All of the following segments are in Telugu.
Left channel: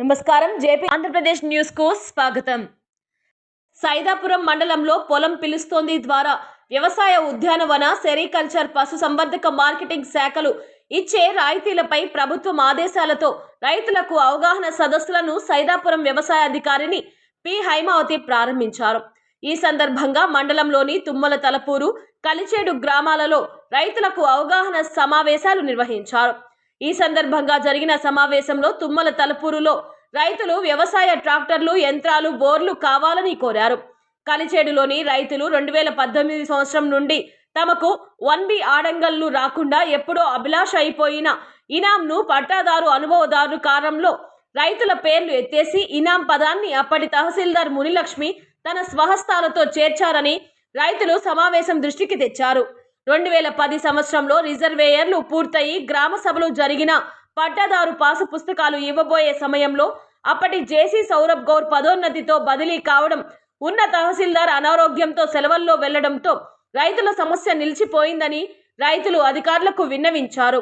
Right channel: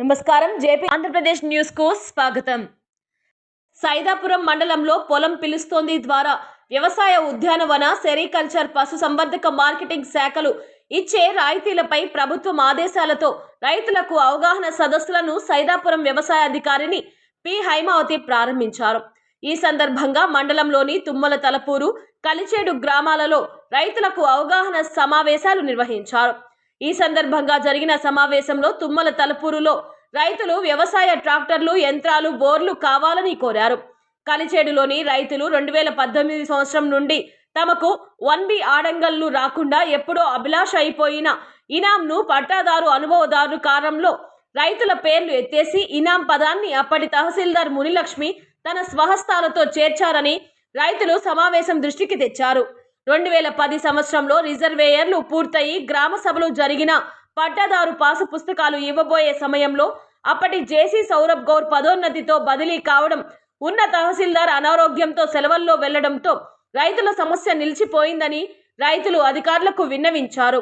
నమస్కారం. జేపీ ఆంధ్రప్రదేశ్ న్యూస్కు స్వాగతం. సైదాపురం మండలంలో పొలం పిలుస్తోంది ద్వారా వ్యవసాయ ఉద్యానవన సెరికల్చర్ పశు సంవర్ధక మార్కెటింగ్ శాఖలు ఇచ్చే రాయితీలపై ప్రభుత్వం ఆదేశాలతో రైతులకు అవగాహన సదస్సులను సైదాపురం వ్యవసాయ అధికారిని పి. హైమావతి ప్రారంభించారు. ఈ సందర్భంగా మండలంలోని తుమ్మల తలపూరు కలిచేడు గ్రామాలలో రైతులకు అవగాహన సమావేశాలు నిర్వహించారు. ఈ సందర్భంగా జరిగిన సమావేశంలో తుమ్మల తలపూరులో రైతులు వ్యవసాయ ట్రాక్టర్లు యంత్రాలు బోర్లు కావాలని కోరారు. కలిచేడులోని రైతులు రెండు వేల పద్దెనిమిది సంవత్సరం నుండి తమకు వన్ బి ఆడంగల్లు రాకుండా ఎప్పుడో అభిలాష అయిపోయిన ఇనాంను పట్టాదారు అనుభవదారు కారంలో రైతుల పేర్లు ఎత్తేసి ఇనాం పదాన్ని అప్పటి తహసీల్దార్ మునిలక్ష్మి తన స్వహస్తాలతో చేర్చారని రైతులు సమావేశం దృష్టికి తెచ్చారు. రెండు వేల పది సంవత్సరంలో రిజర్వేయర్లు పూర్తయి గ్రామ సభలు జరిగిన పట్టాదారు పాసు పుస్తకాలు ఇవ్వబోయే సమయంలో అప్పటి జేసీ సౌరభ్ గౌర్ పదోన్నతితో బదిలీ కావడం ఉన్న తహసీల్దార్ అనారోగ్యంతో సెలవుల్లో వెళ్ళడంతో రైతుల సమస్య నిలిచిపోయిందని రైతులు అధికారులకు విన్నవించారు.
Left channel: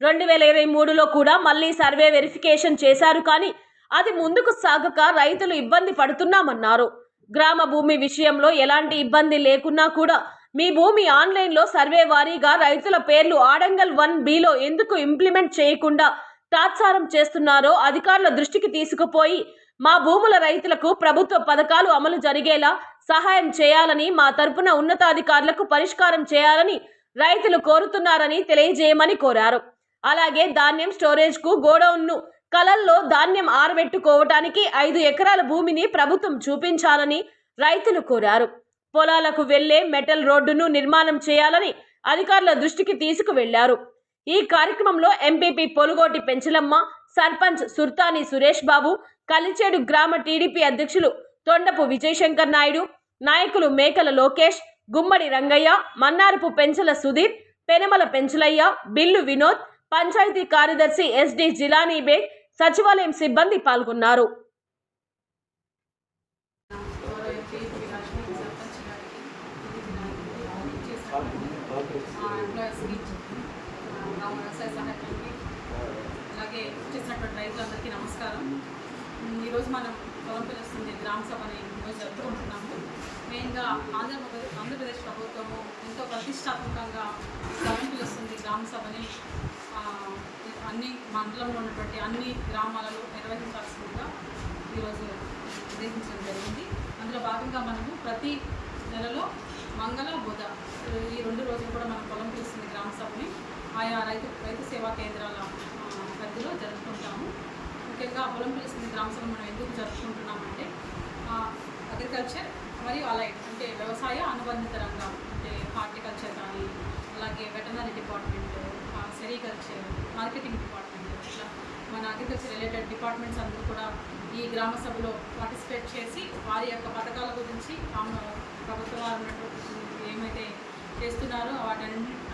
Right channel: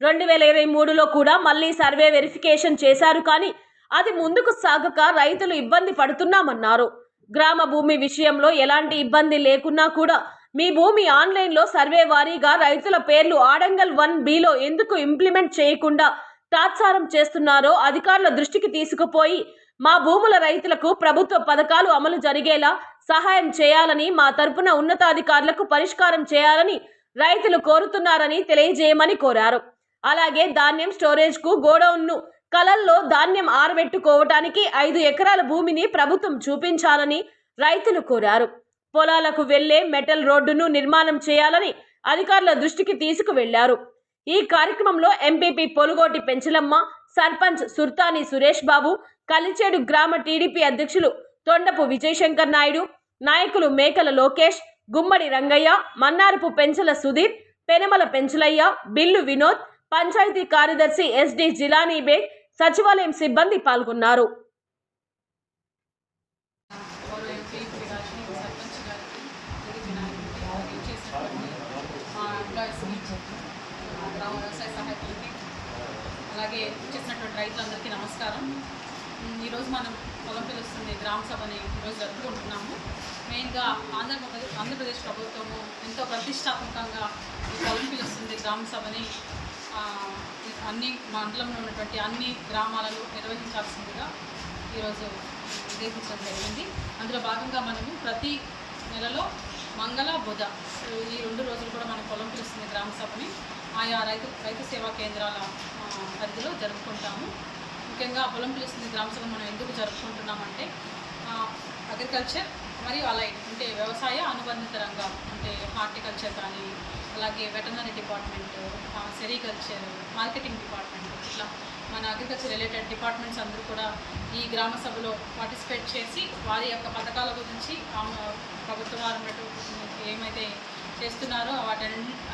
రెండు వేల ఇరవై మూడులో కూడా మళ్ళీ సర్వే వెరిఫికేషన్ చేశారు కానీ అది ముందుకు సాగక రైతులు ఇబ్బంది పడుతున్నామన్నారు. గ్రామ భూమి విషయంలో ఎలాంటి ఇబ్బంది లేకున్నా కూడా మీ భూమి ఆన్లైన్లో సర్వే వారీగా రైతుల పేర్లు ఆడంగల్ వన్ బిలో ఎందుకు ఇంప్లిమెంట్ చేయకుండా తాత్సారం చేస్తున్నారో అధికారుల దృష్టికి తీసుకుపోయి మా భూముల రైతులకు ప్రభుత్వ పథకాలు అమలు జరిగేలా సహాయం చేయాలని మా తరపున ఉన్నతాధికారులకు పరిష్కారం చేయాలని రైతులు కోరుతున్నారని తెలియజేయమని కోరారు. అలాగే ధాన్యం స్టోరేజ్కు గోడౌన్ను కలల్లో ధాన్యం ఆరబెట్టుకోవటానికి ఐదు ఎకరాల భూమిని ప్రభుత్వం చూపించాలని రైతులు కోరారు. పొలాలకు వెళ్ళే మెటల్ రోడ్డును నిర్మాణం చేయాలని అధికారుల దృష్టికి తీసుకువెళ్ళారు. ఈ కార్యక్రమంలో ఎంపీపీ పొలుగోటి పెంచలమ్మ సర్పంచ్ సుర్తాని సురేష్ బాబు కలిచేడు గ్రామ టీడీపీ అధ్యక్షులు తొండపు విజయశంకర్ నాయుడు నాయకులు మేకల లోకేష్ గుమ్మడి రంగయ్య మన్నారపు పెంచల సుధీర్ పెనమల పెంచలయ్య బిల్లు వినోద్ పంచాయతీ కార్యదర్శి ఎస్డి జిలానీ బేగ్ సచివాలయం సిబ్బంది పాల్గొన్నారు గౌరవ ఎంపీ గారికి సర్పంచ్ గారికి టీడీపీ నాయకులకి అలాగే ఇచ్చేసినటువంటి మా ఎంప్లాయీస్కి గ్రామ వ్యవసాయ సహాయకులకి అలాగే ఇచ్చేసినటువంటి రైతులందరికీ నమస్కారం ఉమ్, ఈరోజు మనం పొలం పిలుస్తుంది గ్రామ సభని ఈరోజు జరుపుకుంటున్నాము. మెయిన్గా ఆంధ్రప్రదేశ్ ఆంధ్రప్రదేశ్ ప్రభుత్వము ఎంతో ప్రతిష్టాత్మకంగా ఈ పొలం పిలుస్తుంది గ్రామ సభని. అన్ని మండలంలో ఉన్నటువంటి అన్ని గ్రామాలలో నిర్వహించాల్సిందిగా ఈరోజు నిర్దేశించడం జరిగింది. అందులో భాగంగా మనము ప్రతి నెలలో మంగళ బుధ ఈ రెండు రోజులు కూడా మనం పొలం పిలుస్తుంది గ్రామ సభని. ఆయా రైతు రైతు సేవా కేంద్రాల పరిధిలో జరుపుకుంటాము. ముఖ్యంగా పొలం పిలుస్తుంది గ్రామ మనం ఎందుకు జరుపుకుంటున్నామంటే అగ్రికల్చర్ మరియు అలైడ్ అంటే వ్యవసాయ అనుబంధిత రంగాలు అంటే హార్టికల్చర్ కానీ అలాగే veterinary department sericulture marketing department ఇట్లా మన అగ్రికల్చర్ రిలేటెడ్ డిపార్ట్మెంట్స్ అందరూ కూడా ఈ గ్రామ సభలో పార్టిసిపేట్ చేసి వారి యొక్క పథకాల గురించి ప్రభుత్వం వారు ఉన్నట్టు ఏమైతే చేస్తున్నారో వాటి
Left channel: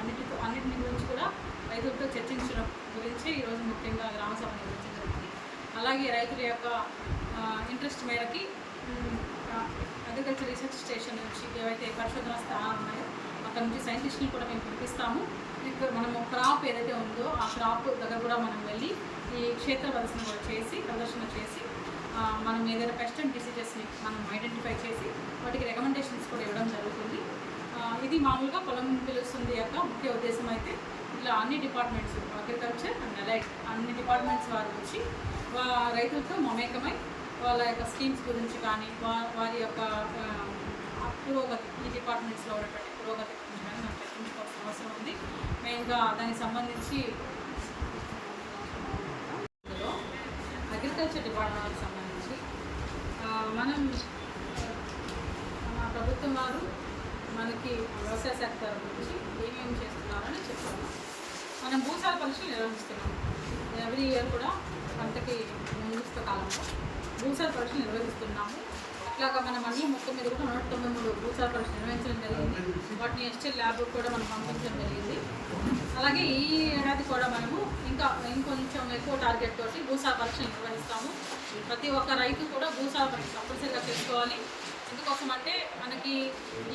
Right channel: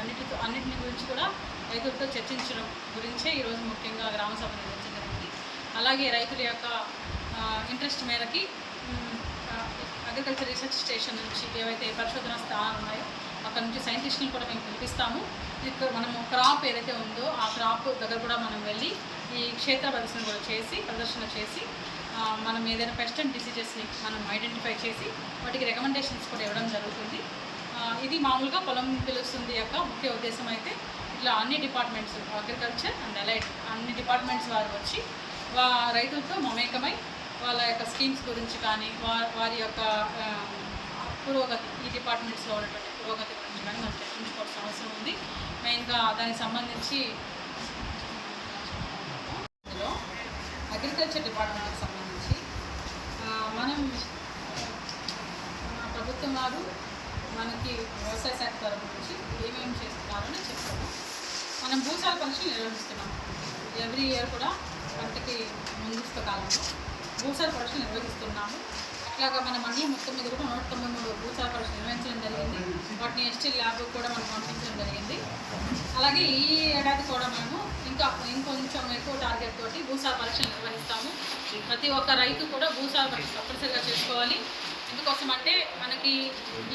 అన్నిటితో అన్నిటిని గురించి కూడా రైతులతో చర్చించడం గురించే ఈరోజు ముఖ్యంగా గ్రామ సభ నిర్వహించడం జరిగింది. అలాగే రైతుల యొక్క ఇంట్రెస్ట్ మేరకి అగ్రికల్చర్ రీసెర్చ్ స్టేషన్ నుంచి ఏవైతే పరిశోధన స్థానాలు ఉన్నాయో అక్కడ నుంచి సైంటిస్టులను కూడా మేము పిలిపిస్తాము. ఇక్కడ మనము క్రాప్ ఏదైతే ఉందో ఆ క్రాప్ దగ్గర కూడా మనం వెళ్ళి ఈ క్షేత్ర ప్రదర్శన కూడా చేసి ప్రదర్శన చేసి మనం ఏదైనా పెస్ట్ అండ్ డిసీజెస్ని మనం ఐడెంటిఫై చేసి వాటికి రికమెండేషన్స్ కూడా ఇవ్వడం జరుగుతుంది. ఇది మామూలుగా పొలం పిలుస్తుంది యొక్క ముఖ్య ఉద్దేశం అయితే ఇట్లా అన్ని డిపార్ట్మెంట్స్ అగ్రికల్చర్ అండ్ అలైట్ అన్ని డిపార్ట్మెంట్స్ వారు వచ్చి రైతులతో మమేకమై వాళ్ళ యొక్క స్కీమ్స్ గురించి కానీ వారి యొక్క పురోగతి ఈ డిపార్ట్మెంట్స్లో ఉన్నటువంటి పురోగతి గురించి కానీ మనం చర్చించుకోవాల్సిన అవసరం ఉంది. మెయిన్గా దానికి సంబంధించి ఇందులో అగ్రికల్చర్ డిపార్ట్మెంట్కి సంబంధించి మనం మా ప్రభుత్వం వారు మనకి వ్యవసాయ శాఖ తరపు నుంచి ఏమేమి చేస్తున్నారని చెప్తాము. మనం భూసాల పరీక్షలు నిర్వహిస్తున్నాం ఎవ్రీ ఇయర్ కూడా పంటకి ముందస్తు కాలంలో భూసార పరీక్షలు నిర్వహిస్తున్నాము. అట్లాగా మన మండలం మొత్తం మీద కూడా నూట తొంభై మూడు భూసార పరీక్షలు నిర్వహించడం జరిగింది. వాటిని ఎస్టీ ల్యాబ్ కూడా మనం పంపించడం జరిగింది. అలాగే ఈ ఏడాది కూడా మనము ఇంకా ఇంకొంచెం ఎక్కువ టార్గెట్ తోటి భూసార పరీక్షలు నిర్వహిస్తాము. ప్రతి ఒక్క రైతు కూడా భూసార పరీక్ష తప్పనిసరిగా చేసుకోవాలి. ఎందుకోసం అంటే మనకి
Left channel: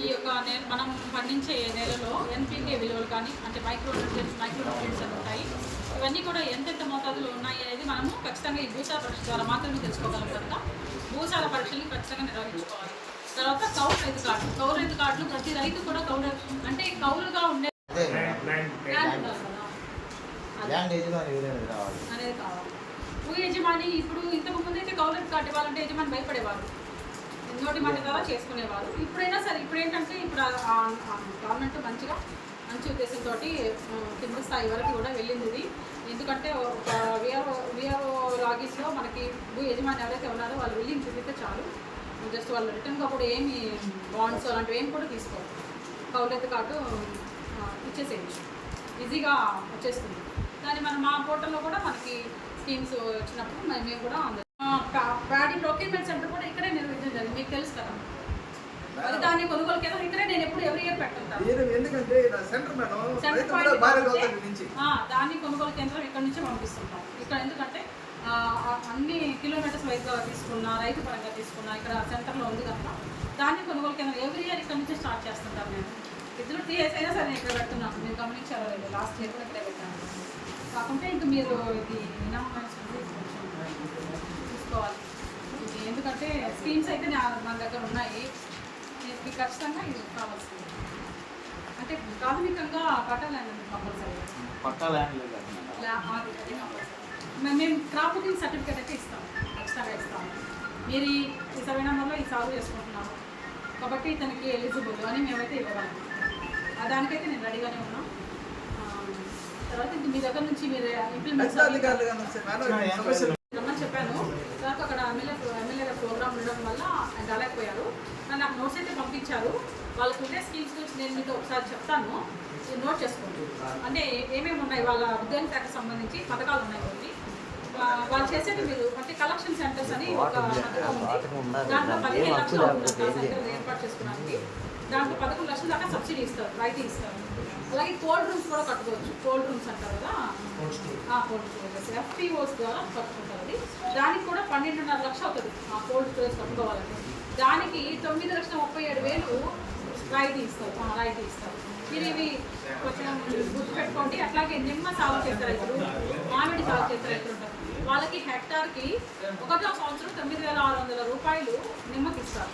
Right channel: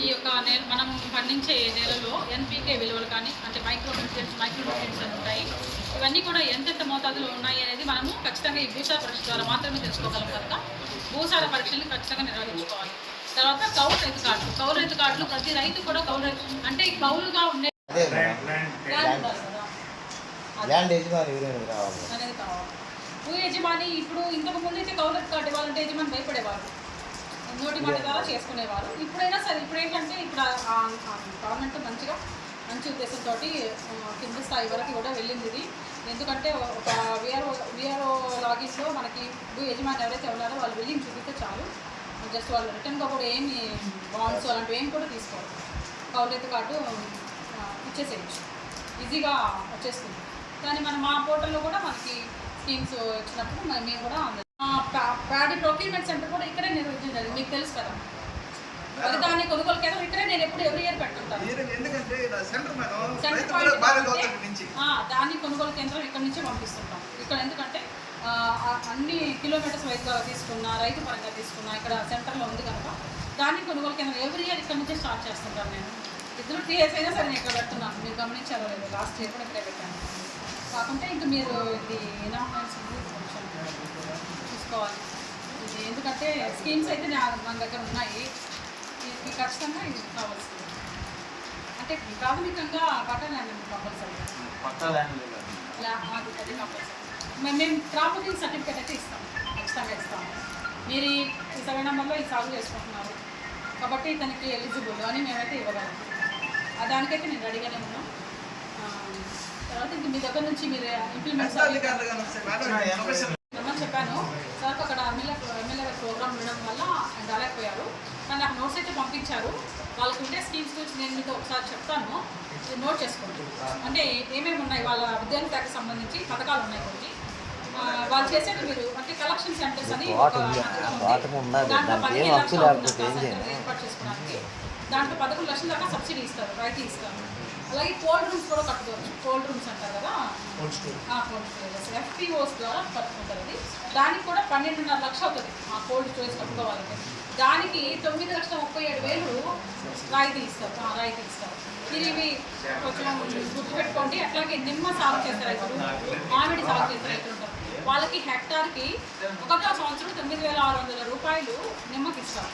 ఈ యొక్క నేల మనం పండించే నెలలో ఎన్పి ఎన్పీకే విలువలు కానీ అంటే మైక్రో న్యూట్రియంట్స్ మైక్రో న్యూట్రియంట్స్ అని ఉంటాయి. ఇవన్నీ కూడా ఎంతెంత మోతాదులో ఉన్నాయి అనేది మనము ఖచ్చితంగా ఈ భూసార పరీక్ష ద్వారా మాత్రమే తెలుసుకోగలం కనుక భూసార పరీక్షల్ని ఖచ్చితంగా నిర్వహించుకోవాలి. తర్వాత కౌలు రైతు కార్డులు. కౌలు రైతు కార్డులు ప్రతి రైతు కూడా కౌలు రైతు అంటే ఈ కౌలుగా ఉండే అనేది కావాలి. భూ యజమాని ఇప్పుడు ఇంతకు ముందు అయితే కౌలు రైతు కార్డు ఇవ్వాలంటే యజమాని భయపడేవారు. నోటి మాట ద్వారా చేసుకునేవారు. ఇప్పుడైనా సరే ఇప్పుడు ఏంటంటే ఇప్పుడు గవర్నమెంట్ మంచిగా మంచి ఉద్దేశంతో కింద స్థాయి వరకు కూడా వెళ్ళింది ఇది. ఎందుకంటే ఒక విఆర్ఓ విఆర్ఓ లాగిన్లో మనకి భూ యజమాని ఎవరైతే ఉన్నారో వాళ్ళు వెళ్ళి చూపిస్తే చాలు. జస్ట్ వాళ్ళు రిటర్న్గా కూడా ఏమి బాండ్స్ అలాంటివి ఏమి కూడా తీసుకోరు. కౌలైతే కార్డు ఇచ్చేసేయచ్చు. ఈజీగా వచ్చేస్తుంది. కానీ మనం మా పోర్టల్లో కూడా మనకి స్కీమ్స్ వచ్చినప్పుడు మేము కూడా ప్రాడీ ప్రొక్యూర్మెంట్ సెంటర్ కూడా ఇక్కడే నిర్వహించడం జరిగింది. మీకు తెలుసు కదా. మరి దాని కొనుగోలు కేంద్రం ఇక్కడే నేను ఎప్పుడు ఎవ్రీ ఇయర్ పెట్టుంటాను. మీరు ఎందుకంటే ఇలా సెంటర్ మేడం సెంటర్ రైతు కూడా పాయింట్ భారీ కాబట్టి, లోతు నుంచి. ఆ, దాని కొనుగోలు కేంద్రం ఇక్కడ నుంచి పంపిస్తుంటాం. ఇక్కడ ఎందుకంటే అన్ని కిలోమీటర్స్ వైజ్గా తీసుకున్నా రైతు పరంగా తీసుకున్నా ఇక్కడ సెంటర్లో ఉంది కనుక దాన్ని కొనుగోలు కేంద్రం ఎవ్రీ ఇయర్ ఇక్కడ నుంచి స్టార్ట్ చేస్తుంటాను నేను. ఇద్దరు టీఎస్ అయినా సరే నేను ఇక్కడ పెడుతున్నాను మీరు గమనించారో లేదు లాస్ట్ ఇయర్ కూడా ఇక్కడే పెట్టాను. కాకుంటే ఇంకా మీరు ఇది ఇనామమెంట్స్ ఉంది కొంచెం చూసుకోవాలి. ఇది ఎందుకంటే స్కీమ్స్ అయితే నా మన దగ్గర ఉన్నాయి. మీకు ఖచ్చితంగా ఇది కావాల్సింది. అంటే ప్రాథమికంగా పట్టాలండి కంపల్సరీ. పక్కా ల్యాండ్ లేదు లా అది అది కంపల్సరీ. మేము మేము క్రాప్ బుకింగ్ సర్టిఫికేట్ అయితే ఇస్తాం ఖచ్చితంగా ఇస్తాము మీరు ఈ సర్వే నెంబర్లో ఈ సాగు చేసుకుంటున్నారు. కాబట్టి ఇతనికి ఎలిజిబుల్ అని మేమైతే ఇవ్వగలం. ఆ దానికైతే నేను రెడీగానే ఉన్నాం. తర్వాత ఇంక మీ దగ్గర నుంచి మీరు ఇంప్లిమెంట్స్ రమ్మని చెప్పాను. సార్ అక్కడ ఎమ్మెల్యే ఎమ్మెల్యే గారి ప్రోగ్రామ్ ఉండడం వల్ల రాలేకపోయారు. కానీ నాకు నోట్స్ అయితే పంపించారు. వాళ్ళకు ఉండే స్కీమ్స్ గురించి నేను మీతో ఒకసారి చెప్తాను. నోట్ చేసుకోండి. అంటే ఏమేమి ఉన్నాయి? వాళ్ళ విద్యార్థి శాఖకు సంబంధించి పథకాలు ఉన్నాయి కొన్ని. వాళ్ళు చేసేది మీరు అంటే కలెక్షన్ సెంటర్స్ అని ఒక పథకం ఉంది. దాంట్లో పదిహేను లక్షలు అవుతుందంట ఆ సెంటర్ ఏర్పాటు చేసుకోవడానికి దాంట్లో పదకొండు లక్షల దాకా సబ్సిడీ ఇస్తారు. రాయితీ ఇస్తారు. అలాగే కోల్డ్ రూమ్స్ కూడా కట్టుకోవచ్చు కోల్డ్ రూమ్స్ అంటారు కదా? కోల్డ్ స్టోరేజెస్ ఎఫ్పిఓస్ ద్వారా కట్టుకుంటారు అది. దానికి కూడా పన్నెండున్నర లక్షలు అవుతుంది ఆ కోల్డ్ స్టోరేజ్ కట్టుకోవాలంటే దానికి తొమ్మిది లక్షల ముప్పై ఏడు వేలు రాయితీ ఇస్తారు. రాయితీ ఇస్తారు. మీరు ఇవి కొంచెం గుర్తుపెట్టుకోండి. అట్లాగే నిమ్మ సాగు చేసే రైతులు మామిడి సాగు చేసే రైతులు ఉంటారు. వాళ్ళకి హెక్టార్కి ఒకటో సంవత్సరం తొమ్మిది వేల ఆరు వందల రూపాయలు నిమ్మకి ఇస్తారు.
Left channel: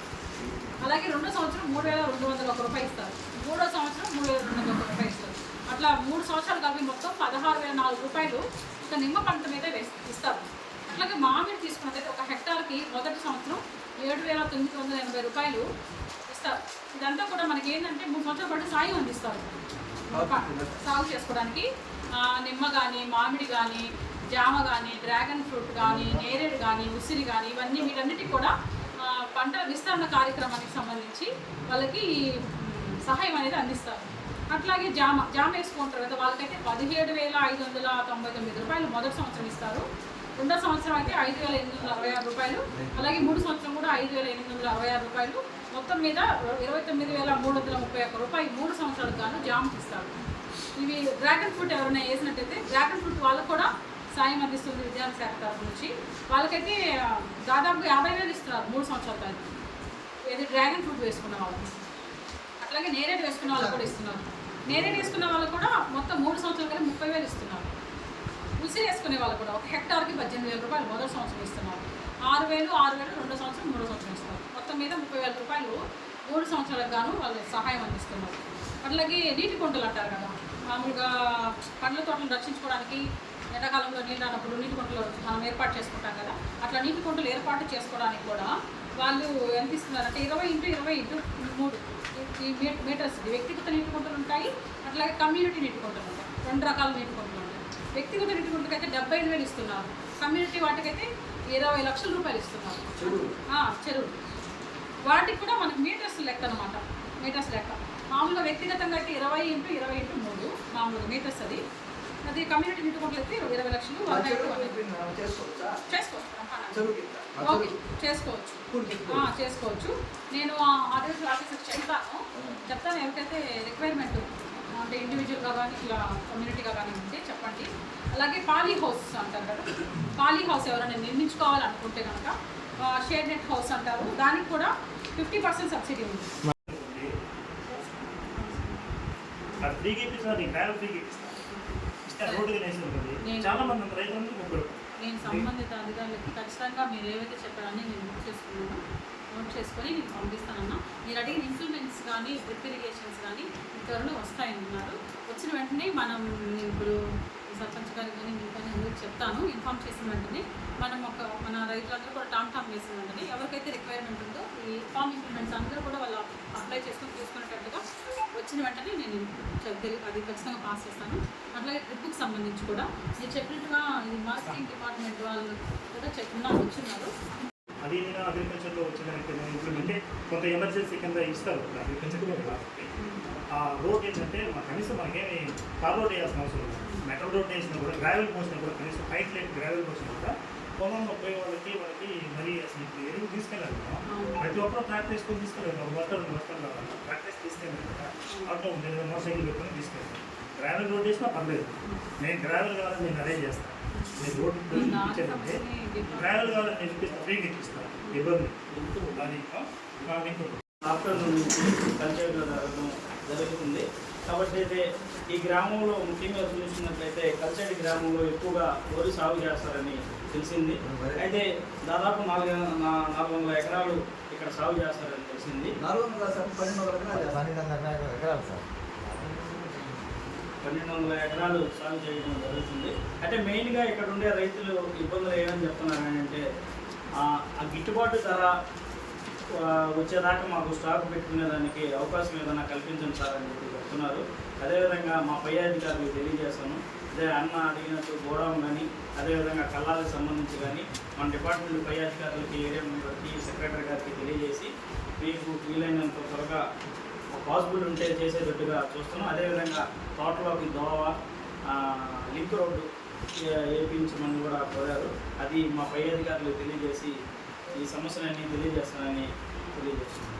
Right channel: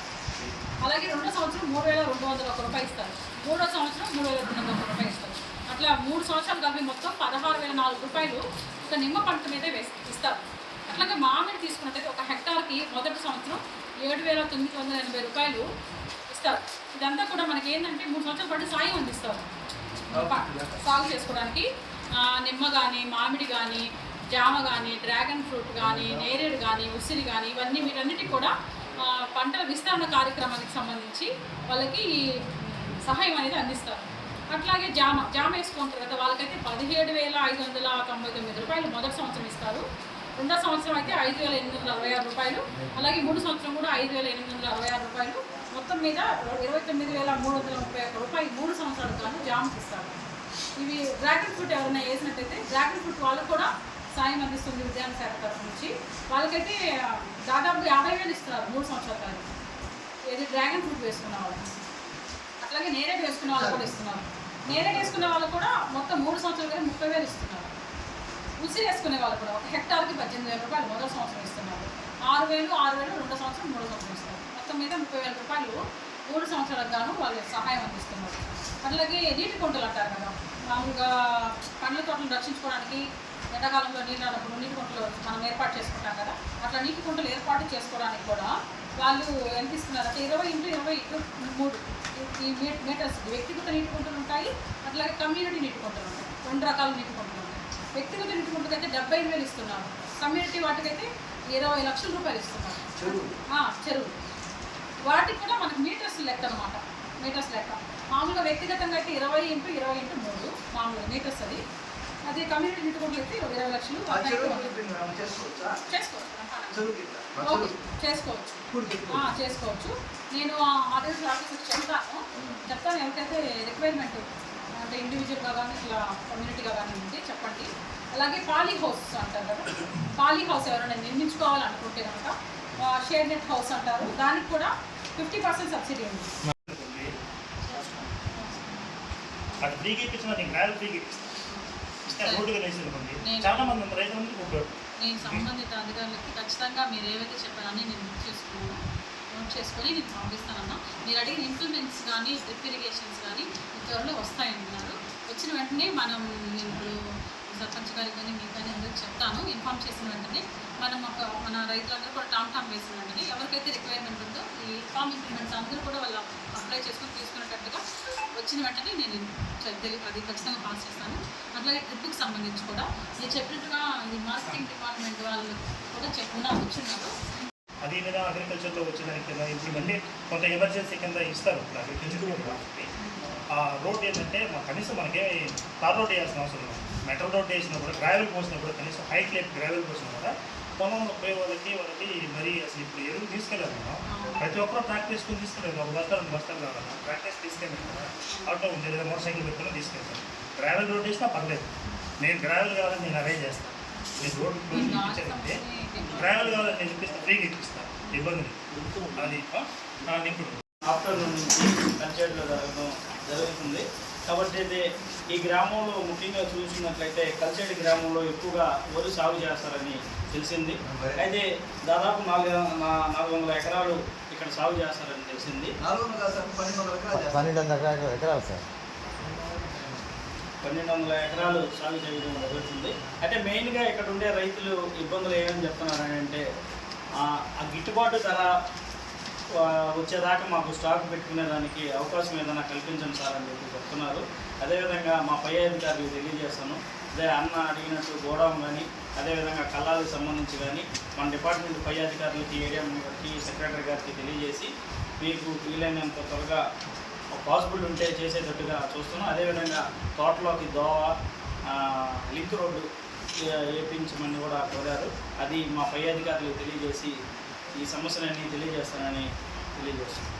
అలాగే రెండో సంవత్సరం మూడు వేల రెండు వందల ఒక రూపాయి ఇస్తారు. మూడో సంవత్సరం మూడు వేల రెండు వందల ఒక రూపాయి ఇస్తారు. అట్లా మూడు సంవత్సరాలు కలిపి మొత్తం పదహారు వేల నాలుగు రూపాయలు ఒక నిమ్మ పంట మీదే ఇస్తారు. అట్లాగే మామిడి తీసుకున్నట్టయితే ఒక హెక్టార్కి మొదటి సంవత్సరం ఏడు వేల తొమ్మిది వందల ఎనభై రూపాయలు ఇస్తారు. ఇదంతా కూడా మనకి ఏంటంటే మూడు సంవత్సరాల పాటు సాయం అందిస్తారు. సాగు చేసుకోవడానికి. నిమ్మ కానీ మామిడి కానీ జామ కానీ డ్రాగన్ ఫ్రూట్ కానీ నేరేడు కానీ ఉసిరి కానీ ఇవన్నీ వీటన్నిటికి కూడా పంటల విస్తరణ కార్యక్రమానికి సంబంధించి వాళ్ళకి ఈ, సహాయం అనేది అందిస్తారు. అట్లాగే జామ జామ వేసుకుంటారు కదా వాళ్ళకైతే పదిహేడు వేల ఐదు వందల తొంభై తొమ్మిది రూపాయలు మొదటి సంవత్సరం ఇస్తారు. రెండో సంవత్సరం అయితే ఐదు వేల ఎనిమిది వందల అరవై ఆరు రూపాయలు. అలాగే మూడు సంవత్సరం కూడా ఐదు వేల ఎనిమిది వందల అరవై ఆరు రూపాయలు. మొత్తం మీద ఇరవై తొమ్మిది వేల మూడు వందల ముప్పై ఒక్క రూపాయలు మూడు సంవత్సరాలకు గాను జామ్కి ఇస్తారు. ఇవి డ్రాగన్ ఫ్రూట్ ఎవరైనా వేసినట్టయితే డ్రాగన్ ఫ్రూట్ వాళ్ళకు కూడా సాయం అందిస్తుంది విద్యాన శాఖ తరఫు నుంచి. వాళ్ళకైతే దాదాపు యాభై వేలు ఇస్తున్నారు మూడు సంవత్సరాల కాదు ఏది డ్రాగన్ ఫ్రూట్ వేసుకున్న వాళ్ళకి అట్లాగే నేరేడు వేసుకున్న వాళ్ళకి కూడా ఇస్తున్నారు. నేరేడు వేసుకున్న వాళ్ళు కూడా మొత్తం మూడు సంవత్సరాలు కానీ ముప్పై వేలు ఇస్తున్నారు. ఉసిరి వేసుకునే వాళ్ళు కూడా ఒక హెక్టార్కి పద్దెనిమిది వేల రూపాయలు మొదటి సంవత్సరం ఇస్తున్నారు. ఆరు వేలు ఆరు వేలు రెండో సంవత్సరం మూడో సంవత్సరం ఇస్తున్నారు. మొత్తం మీద ముప్పై వేల రూపాయలు మూడు సంవత్సరాలకు గాను వాళ్ళు సహాయం అందిస్తున్నారు. అట్లాగే నీటి కొంటలు అంటారు కదా మామూలుగా పండ్ల తోటలు రక్షించుకోవడానికి ఎండాకాలంలో నీళ్ళు రానప్పుడు నీటి కుంటలు మనం ఏర్పాటు చేసుకుంటాం కదా అట్లా నీటి కుంటలు ఏర్పాటు చేసుకోవడానికి కూడా వాళ్ళు ఎంత ఇస్తున్నారు అంటే ఇరవై ఇంటూ ఇరవై ఇంటూ మూడు ఈ మీటర్స్ వ్యక్తిగత నీటి కుంటలు ఉంటాయి అట్లాగే కమ్యూనిటీ నీటి కుంటలు ఉంటాయి. రెండు రకాల నీటి కుంటలు ఉంటాయి. వ్యక్తిగత నీటి కుంటకైతే డెబ్బై ఐదు వేలు ఇస్తున్నారు. కమ్యూనిటీ వాటికైతే ఇరవై లక్షల రూపాయలు ఇస్తున్నారు. చెరువు. వాటికి కూడా మనకి మీటర్స్ లెక్క అనమాట మీటర్స్ లెక్క. మామూలుగా వ్యక్తిగతంగా అయితే ఇరవై ఇంటూ ఇరవై ఇంటూ మూడు మామూలుగా మీటర్స్ అది. అది కమ్యూనిటీ నీటి కుంటలు అయితే ఇరవై లక్షలు చేసుకోవచ్చా? చేసుకోవచ్చు చేసుకోవచ్చు. ఆ, నేను ఆడియో ఆఫీసర్ చెప్తాను. చెప్తాను ఎవరికైతే రిక్వైర్మెంట్ అంటే ఇండివిజువల్గా కానీ ఇలా కమ్యూనిటీగా కానీ ఉంటే చెప్పండి. అలాగే పాలీ హౌస్ అంటారు కదా. పాలీ హౌస్ ఎవరైనా నిర్మించుకోవాలనుకుంటే కనుక షేడ్ నెట్ హౌస్ అంటారు. దానికి కూడా ఫిఫ్టీ పర్సెంట్ సబ్సిడీ ఉంది. అది ఫ్రీగా ఇప్పించిన నీకు ర్యాలీ ఫ్రీగా ఇప్పిస్తాను రోడ్డుగా నేను- చాలా మంది రైతులందరికీ ఉపయోగం నేను సంబంధిత అధికారులకి ఖచ్చితంగా మీరు ఏవైతే చెప్పారని నేను నోట్ చేసుకున్నాను. నోట్ చేసుకొని నేను పంపిస్తానన్నా. మీరు అడిగిన ఇంప్లిమెంట్స్ కానీ డ్రిప్ ఇరిగేషన్స్ కానీ త్వరలో వస్తాయంటున్నారు వచ్చిన వెంటనే మనం ఇప్పుడు సర్పంచ్ గారికి కానీ మీకు కానీ అందరికి చెప్తాను ఇన్ఫామ్ చేసిన వెంటనే మనం ఒక మన రైతులందరూ కూడా టామ్ టామ్ వేసిన వెంటనే ఎవరికైతే రిక్వైర్మెంట్ ఉందో ఈ ఫామ్ ఇంప్లిమెంట్స్ అందరూ కూడా వాళ్ళు అప్లై చేసుకొని తీసుకునేటట్టుగా వచ్చిన వెంటనే నేను అది ఖచ్చితంగా పాస్ చేస్తాను. అట్లాగే ట్రిప్కి సంబంధించి కూడా నేను చెప్పినట్టుగా ఇది మార్కెటింగ్ డిపార్ట్మెంట్ వాళ్ళు కూడా చెప్పిన వచ్చిన్నారు. అది మీద అగ్రికల్చర్లో ఇంప్లిమెంట్ అంటే కొంత ఎమర్జెన్సీ కింద ఇస్తారు. అగ్రికల్చర్ ఆ రోడ్ ఏంటంటే మా కనీసం మనకి తార్ రోడ్ వేయాల్సిన అవసరం లేదు. మెటల్ రోడ్ వేసినా కూడా గ్రావెల్ పోసినా కూడా కనీసం హైట్ లేక గ్రావెల్ పోసినా కూడా పొలంలో పోయే వాళ్ళకి వాళ్ళకి మరి అసలు ఇప్పుడు ఎరువు తీసుకెళ్ళాలి ప్రతి ఒక్కరు ట్రాక్ తీసుకొని తీసుకెళ్ళారు ఒక బస్తా రెండు బస్తాలు కావాలన్నా. ట్రాక్టర్స్ తీసుకెళ్ళారు కదా. ఆటో ఉంది లేదా మోటార్ సైకిల్ పెట్టుకుని తీసుకెళ్తారు గ్రావెల్ రోడ్ వేసినా పర్లేదు. నేను గ్రావెల్ కావాలని నేను అరేంజ్ చేస్తాను నేను రోడ్ ఇప్పించానంటే ట్రావెల్ కావాలని నేను ఇప్పిస్తాను ఫ్రీగా ఇప్పిస్తాను ఇబ్బంది లేదు. అది ఆఫ్టర్నూన్ నుంచి కల్చర్లో జరగడం జరుగుతుంది. కాబట్టి అయితే ఈ గ్రామంలో ముఖ్యంగా చూసినట్లయితే కల్చర్డ్ గ్రామంలో ఎక్కువగా వరి సాగు చేస్తారని తెలిసింది. అయితే దాదాపు నాలుగు నాలుగు వందల ఎకరాలు ఇక్కడ సాగు చేస్తారని తెలిసింది. నాలుగు వందల పన్నెండు వందల ఎకరాలు పన్నెండు వందల ఎకరాలు సార్. పన్నెండు వందల ఎకరాలు సాగు చేయడం జరుగుతుంది. అంటే మెయిన్గా ఇక్కడ ఉండే రైతులు ఇబ్బందులు ఏమని చెప్తున్నారు అని అంటే ఆ ఆ గిట్టుబాటు ధర వచ్చేదాకా మాకు స్టాక్ పెట్టుకునే దానికి అవకాశం ఏదైనా కల్పించండి సార్ అని చెప్పి చెప్తున్నారు. అదేవిధంగా మా పై అధికారులకు తెలియజేస్తాను. అదే అన్న అడిగినట్టు గోడౌన్ కానీ అదేవిధంగా కళ్ళాలకు సంబంధించి కానీ మన డిపార్ట్మెంట్ పై అధికారులకి ఏరియా మెంబర్కి సెక్రటరీ గారికి తెలియజేసి మీకు వీలైనంత త్వరగా పాసిబుల్ ఉంటే చేసేటట్టుగా చూస్తున్నాం. అదేవిధంగా తోటలోకి దోవ లింక్ రోడ్డు వేపించమని వేయించమని కూడా కోరారు. అది మా పై అధికారులకు తెలియజేసి ఈ సమస్యలన్నీ తెలియజేస్తానని తెలియజేస్తున్నాను.